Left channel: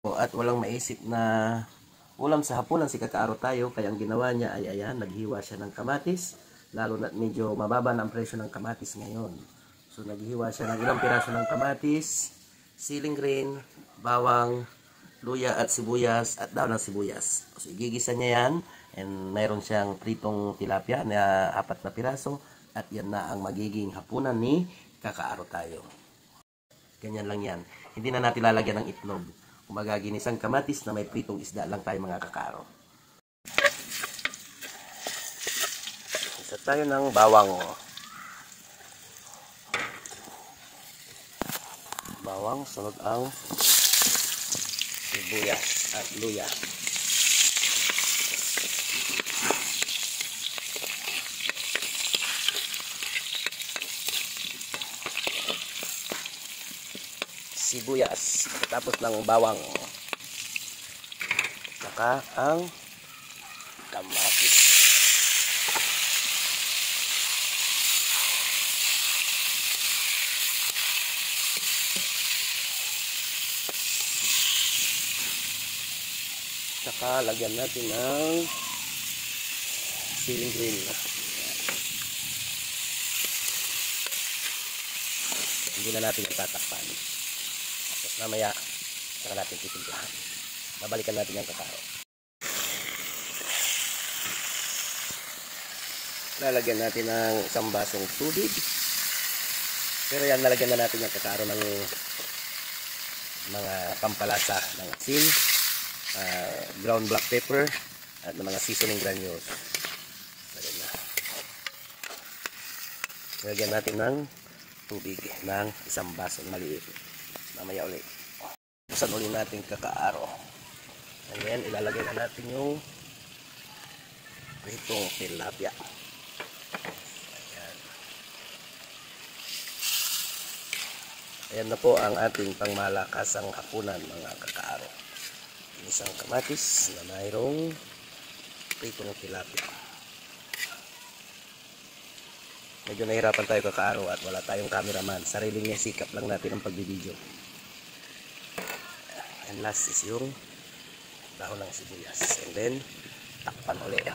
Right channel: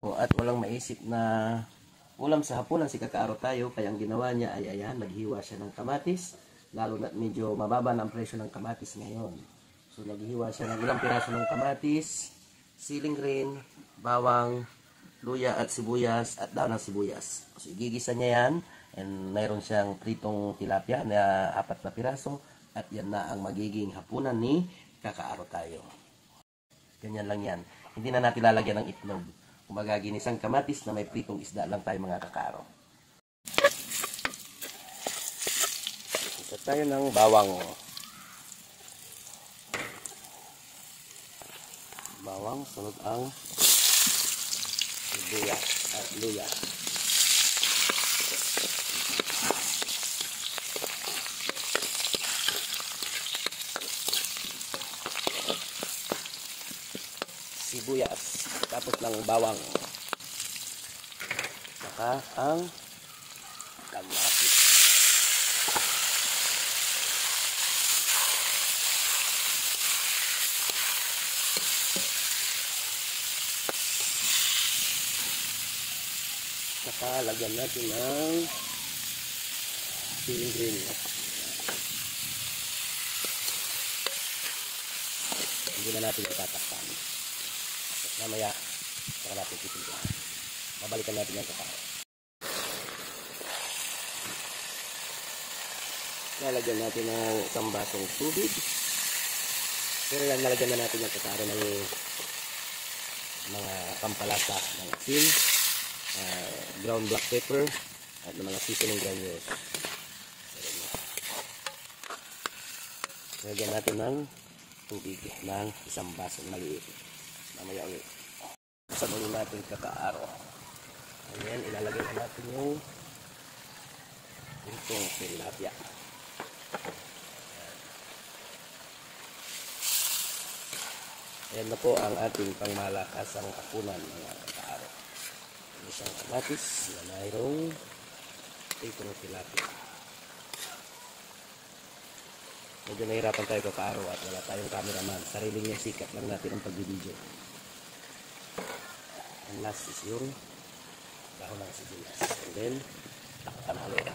At walang maisip na ulam sa hapunan si Kakaaro tayo, kaya ang ginawa niya ay ayan, naghiwa siya ng kamatis, lalo na medyo mababa na ang presyo ng kamatis ngayon. So naghiwa siya ng ilang piraso ng kamatis, siling green, bawang, luya at sibuyas at daon ng sibuyas. So igigisa niya yan, and mayroon siyang pritong tilapia na 4 na piraso, at yan na ang magiging hapunan ni Kakaaro tayo. Ganyan lang yan. Hindi na natin lalagyan ng itlog. Kumbaga, ginisang kamatis na may pritong isda lang tayo mga Kakaaro. Isa tayo ng bawang. Bawang, sunod ang sibuyas at luya. Sibuyas, tapos ng bawang, saka ang kamatis. Saka lagyan natin ng siling green. Hindi na natin itatakpan. Mamaya, saka natin titimplahan. Babalikan natin yung Kakaaro. Lalagyan natin ng isang basong tubig. Pero yan, lalagyan na natin yung Kakaaro ng mga pampalasa ng asin, ground black pepper, at ng mga seasoning granules. Lalagyan natin ng tubig ng isang basong maliit. Mamaya ulit. Buksan ulit natin Kakaaro. And then, ilalagay na natin yung itong tilapia. Ayan. Ayan na po ang ating pangmalakasang hapunan mga Kakaaro. Isang kamatis na mayroong itong tilapia. Medyo nahirapan tayo Kakaaro at wala tayong cameraman. Sariling niya sikap lang natin ang pagbibideo. And last is yung dahon ng sibuyas. And then, takpan ulit.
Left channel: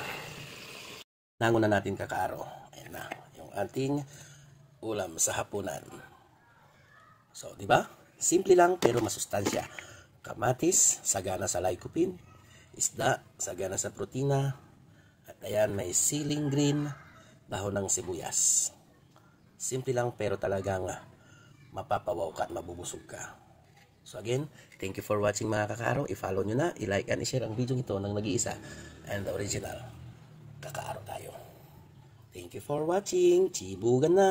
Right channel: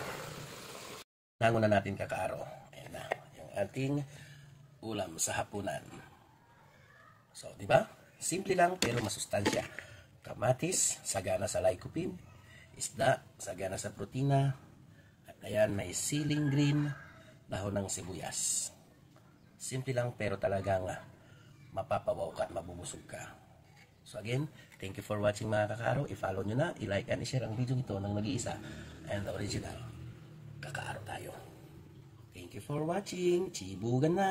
Nango na natin Kakaaro. Ayan na, yung ating ulam sa hapunan. So, di ba? Simple lang pero masustansya. Kamatis, sagana sa lycopene. Isda, sagana sa protina. At ayan, may siling green, dahon ng sibuyas. Simple lang pero talagang mapapawaw ka at mabubusog ka. So again, thank you for watching mga Kakaaro. I-follow nyo na, i-like and i-share ang video ito ng nag-iisa and original Kakaaro tayo. Thank you for watching. Chibugan na!